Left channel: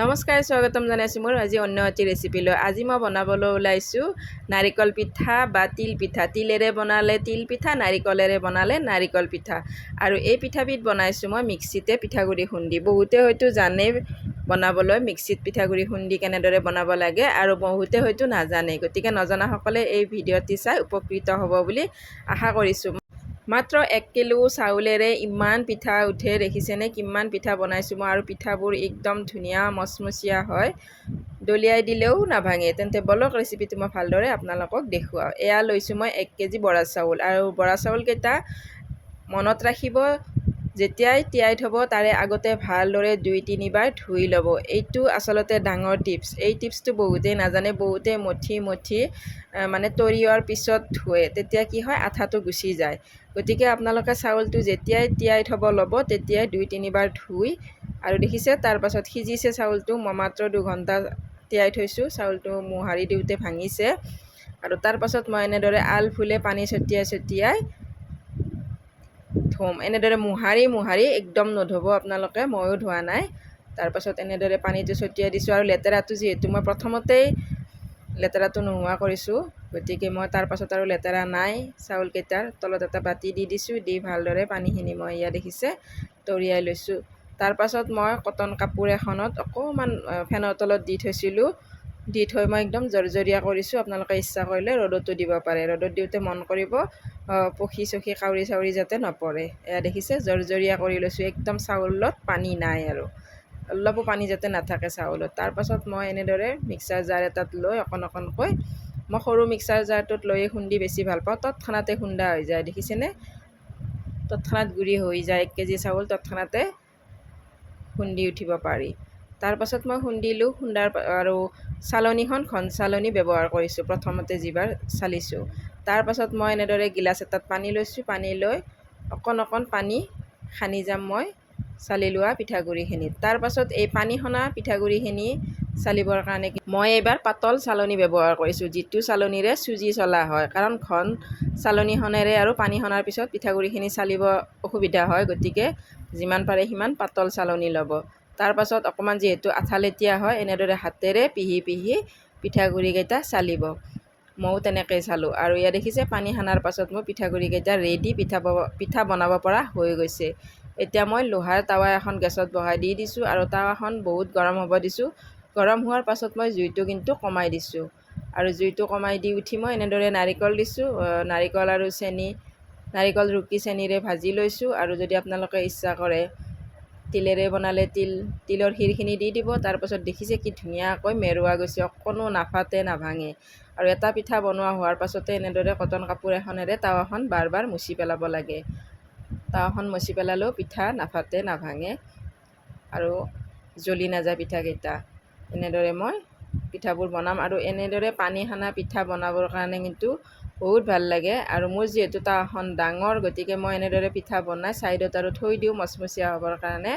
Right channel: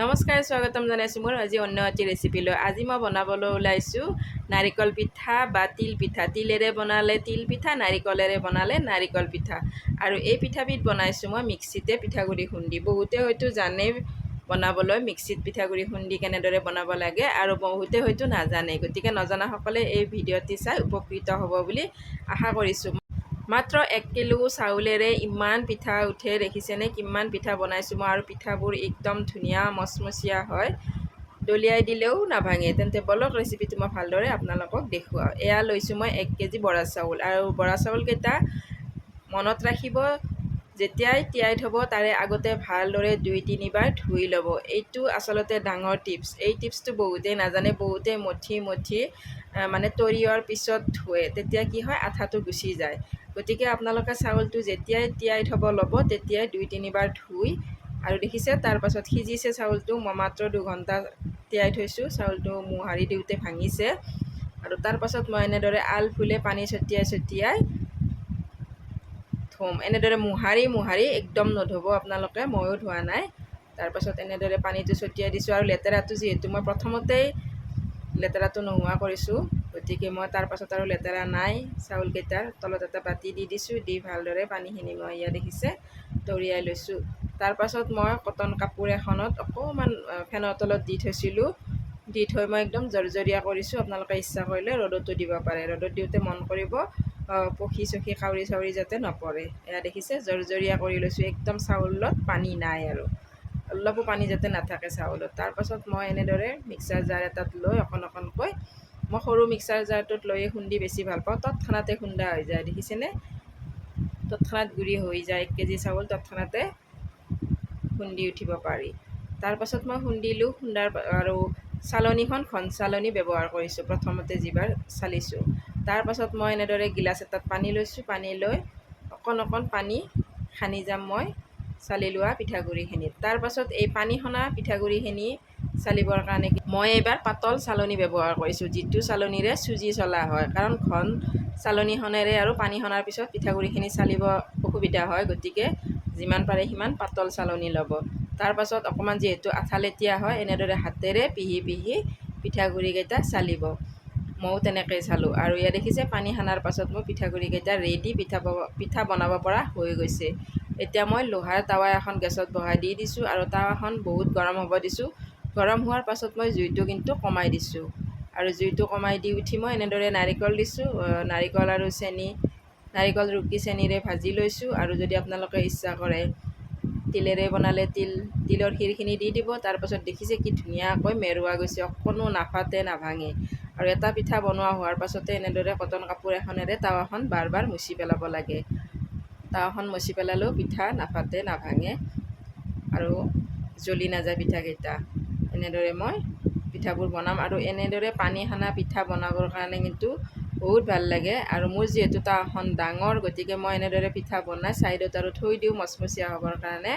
নমস্কাৰ স্বাগতম জনাইছোঁ মোৰ আজি অন্য এটি ৰেচিপি লৈ। আজি মই বনাবলৈ ওলাইছোঁ নাৰিকল পিঠা বা তিল পিঠা। তিলেৰে বনালে তিল পিঠা, নাৰিকলেৰে বনালে নাৰিকল পিঠা। আৰু এই পিঠাবিধ বনাইছোঁ মই মিক্সিতে পিঠাগুড়ি খুন্দি। বহুতে হয়তো জানে বনাবলৈ মিক্সিত পিঠাগুড়ি খুন্দি কেনেদৰে বনাব লাগে, আৰু বহুতে হয়তো নাজানে। গতিকে নজনাসকলে এই ভিডিঅ'টি চাই উপকৃত হ'ব বুলি আশা কৰিছোঁ। মাত্ৰ 1 কিলো চাউলেৰে ইমান পিঠা উঠে, দেখিছেনে কিমান পিঠা বনাইছোঁ মই। আৰু পিঠাবোৰ একদম ধুনীয়া মচমচীয়া হয়, দলিয়াই দিলেও নাভাঙে। তেন্তে বলক ৰেচিপিটো মই ভালদৰে আপোনালোকক দেখুৱাওঁ। এয়া লৈছোঁ মই 1 কেজি বৰা চাউল। আৰু বৰা চাউলকেইটা মনত ৰাখিব, যেতিয়াই তিয়াই থ'ব তাৰে আগতে ভালদৰে 2-3 বাৰ ধুই ল'ব। এইটো আচলতে ডাঙৰ টিপছ। এই টিপছটো বহুতেই নাজানে। বহুতে মঠি মানে তৰিওৱাৰ পিছত ধুৱে, তেতিয়া কি হয় আঠাটো গুচি যায়। গতিকে আপোনালোকে চাউলটো যেতিয়াই তিয়াই থ'ব ল'ব তেতিয়াই 2-3 বাৰ ধুই, আৰু দেখিছে তাৰ পাছত সিজিছে চাউলটো। মই মাত্ৰ 2 ঘণ্টা তিয়াই থৈছোঁ, চাউলটো মোহাৰি দিওঁতে ভাঙিছে। আৰু তাৰ পাছত মই এনেদৰে আলফুলে পানী ছটিয়াই ধুম। এনেদৰে মোহাৰি একদম নধুব আপোনালোকে, ময়ো ধোৱা নাই। তাৰপাছত এনেদৰে পানীটো ছটিয়াই দিছোঁ। আৰু লেতেৰাটো যিহেতু মই প্ৰথমতেই লেতেৰাটো নোহোৱা কৰিছোঁ, গতিকে মই তাৰ পাছত আৰু লেতেৰা নাই। চাউলকেইটাৰ তলত এটা বাতি দি দিছোঁ, দি ভালদৰে পানীখিনি মই ইয়াত দেখিছে তৰিয়াই লৈছোঁ। তাৰ পাছত মই কটন কাপোৰ এখনত অকণমান ফেনৰ তলত দি থৈছিলোঁ। দি থৈ মই একদম জৰজৰীয়া কৰিছোঁ। আপোনালোকে ইচ্ছা কৰিলে ৰ'দতো দিব পাৰে। ৰ'দত দিওঁতে মন কৰিব পখি চখি কাউৰি চাউৰি যাতে নপৰে। এয়া দেখিছে জৰজৰীয়া কৰি লৈছোঁ, একদম চাউলত পানী নাই, আৰু অলপো পানী যাতে নাথাকে চাউলত। তাৰপাছত মই এনেদৰে মিক্সাৰ জাৰ এটাত লৈ অকণকৈ, মই সৰু মিক্সাৰ জাৰটোত লৈয়ে খুন্দি বেছি ভাল পাওঁ। তৎক্ষণাতে খুন্দা হৈ যায়, দেখিছেনে তৎক্ষণাত গুড়ি হৈ যায়। 1 কেজি চাউল তৎক্ষণাতে খুন্দি উঠিব পাৰি। তাৰপাছত মই খুন্দিলোঁ। আৰু চালনীখন ঘন চালনী ব্যৱহাৰ কৰিছোঁ প্ৰথমতে যিবাৰ চালিছোঁ। তাৰপাছত মই এনেদৰে গিলাচ এটাত পানী লৈছোঁ। পানী লৈ অকণ পানী সানি যাম মই চালি লোৱা পিঠাগুড়িখিনিত। তাৰপাছত এই পানী সনা পিঠাগুড়িখিনি চালিবৰ কাৰণে মই এইবাৰ পাতল চালনী ব্যৱহাৰ কৰিছোঁ, যিটো চালনীৰে চুজি চলা হয়। কাৰণ ঘন চালনীখনেৰে আৰু পানী সনাৰ পিছত পিঠাগুড়িখিনি চালিব অসুবিধা হয়, গতিকে যিমান পাৰে সিমান পাতল চালনী ল'ব। তাৰপাছত অকণমান যিহেতু আঠালেটীয়া হয়, এনেদৰে হাতেৰে পিহি পিঠাগুড়িকেইটা চালিব। ময়ো তেনেকৈ চালোঁ। আৰু ইয়াত দেখিছে পানী সানাৰ পাছত মোৰ পিঠাগুড়িকেইটা ৰেডি, পিঠা বনাব পৰা হৈ গৈছে। এতিয়া মই লোহাৰ টাৱা এখন গেছত বহাই দি দিছোঁ, আৰু টাৱাখন বহুত গৰম হ'ব দিছোঁ। গৰম হোৱাৰ পাছত মই জুইটো কিন্তু কমাই দিছোঁ। আৰু জুইটো কমাই দি উঠি মই এনেদৰে নাৰিকল দিছোঁ। নাৰিকল আৰু চেনি, নাৰিকল ৰুকি চেনিৰে ভাজি লৈছোঁ। আৰু যদি আপোনালোকে ইচ্ছা কৰে তিলেৰে বনালে তিলৰ ক্ষীৰখিনি দি দিব। তাৰপাছত দেখিছে কি ধুনীয়াকৈ মেৰুৱা গৈছে, অকণো নাফাটে নাভাঙে। আৰু এটা পিঠা বনোৱা হোৱাৰ পাছতে এনেদৰে কটন কাপোৰ এখনেৰে টাৱাখন বাৰ মুচি পেলাব লাগে। টাৱাখন মুচি পেলালেও পিঠা নাফাটে নাভাঙে, আৰু জ্বলি নাযায় পিঠাকেইটা। এনেদৰে মই পিঠাবোৰ বনাম। আৰু এনেদৰে পানী সানা পিঠা বনাবৰ কাৰণে কিন্তু বহুত ভাল লাগে। আৰু মোৰ যিহেতু টাৱাখন ডাঙৰ, গতিকে মই এনেদৰে পিঠা বনাই ছাইডত আৰু থৈ দিওঁ মচমচীয়া হ'বৰ কাৰণে।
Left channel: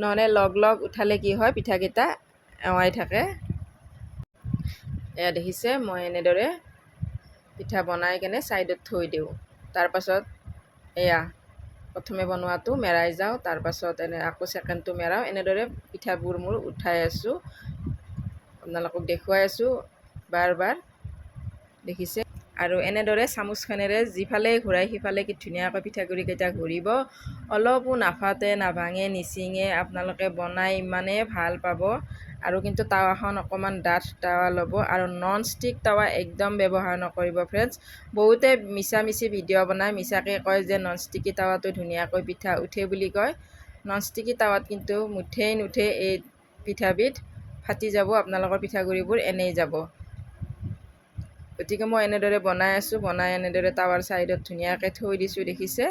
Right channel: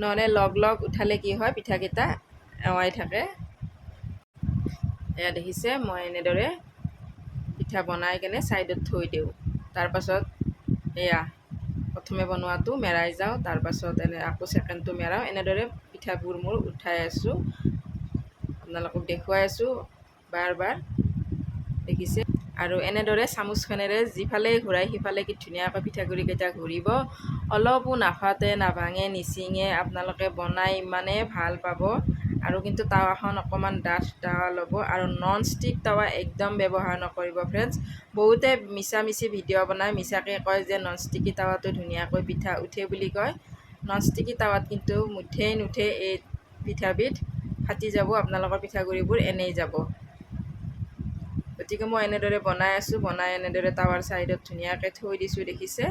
নহ'লে লগ উঠালে কি হয় পিঠাকেইটা এৱাই থাকে। এয়া দেখিছে মই এনেদৰে পিঠা বনাই কেনে ছাইডত থৈ দিওঁ। তাৰপাছত এয়া প্ৰথমে বনোৱাটো মেৰাই যাওঁ, তাৰপাছত আকৌ ছেকেণ্ডটো মেৰাওঁ। এনেদৰে পিঠাবোৰ মোৰ উঠাই আছোঁ, আপোনালোকক দেখুৱাই আছোঁ বাৰ দেখিছে। আৰু এনেদৰে চামুচখনেৰে যিফালে ঘূৰাই সিফালে কি ধুনীয়াকৈ পিঠাগুড়িকেইটা ঘূৰিব, অলপো নাফাটে নাভাঙে নিচিঙে। আপোনালোকে বনাই ইমানেই ভাল পাব। আৰু কিন্তু টাৱাখন অকণমান ডাঠ টাৱা ল'ব, আৰু নন ষ্টিক টাৱা একদম ব্যৱহাৰ নকৰিব ফ্ৰেণ্ডছ। বহুতে মিছামিছি ভিডিঅ' বনাই মিছাকৈ কয় যে নন ষ্টিকি টাৱাটো ধুনীয়াকৈ পিঠা উঠে বুলি কয়। নন ষ্টিকি টাৱাত কিন্তু মুঠেই নুঠে এই পিঠাবিধ, ফাটি যাব আপোনালোকৰ পিঠাগুড়িবোৰ, এনেই যাব। গতিকে মই এনেদৰে বনাই আছোঁ। বনাই এনেদৰে টাৱাৰ ছাইডত ধুনীয়াকৈ থৈ দিছোঁ, দেখিছে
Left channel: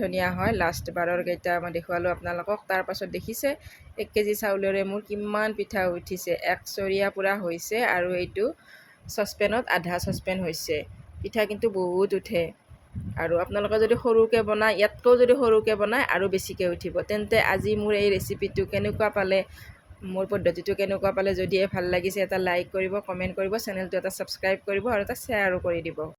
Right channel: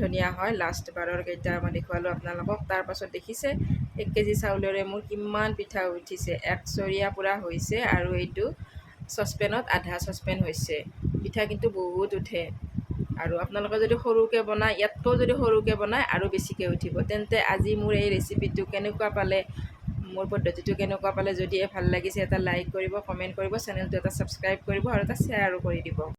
ধুনীয়া হয়। লাষ্ট বাৰৰ কেইটা মই দেখুৱালোঁ আপোনালোকক। তাৰপাছত দেখিছে 1 কেজি চাউলেৰে মোৰ কিমান পিঠা উঠিছে, একচৰীয়া পূৰা হৈছে। আৰু এইটো চচপেনত আধা চচপেন হৈছে। পিঠা কিন্তু বহুত উঠে। আৰু আপোনালোকে যদি সৰুকৈ বনায়, ইয়াতকৈও যদি সৰুকৈ বনায় আৰু বেছিকৈ উঠিব। তেন্তে আজি মোৰ এই ৰেচিপিটো কেনেকুৱা পালে, মোৰ পদ্ধতিটো কেনেকুৱা পালে, যদিহে ভাল লাগিছে এটা লাইক কৰিব, কমেণ্ট কৰিব, চেনেলটো এটা ছাবস্ক্ৰাইব কৰিব, আৰু এটা শ্বেয়াৰো কৰি দিব।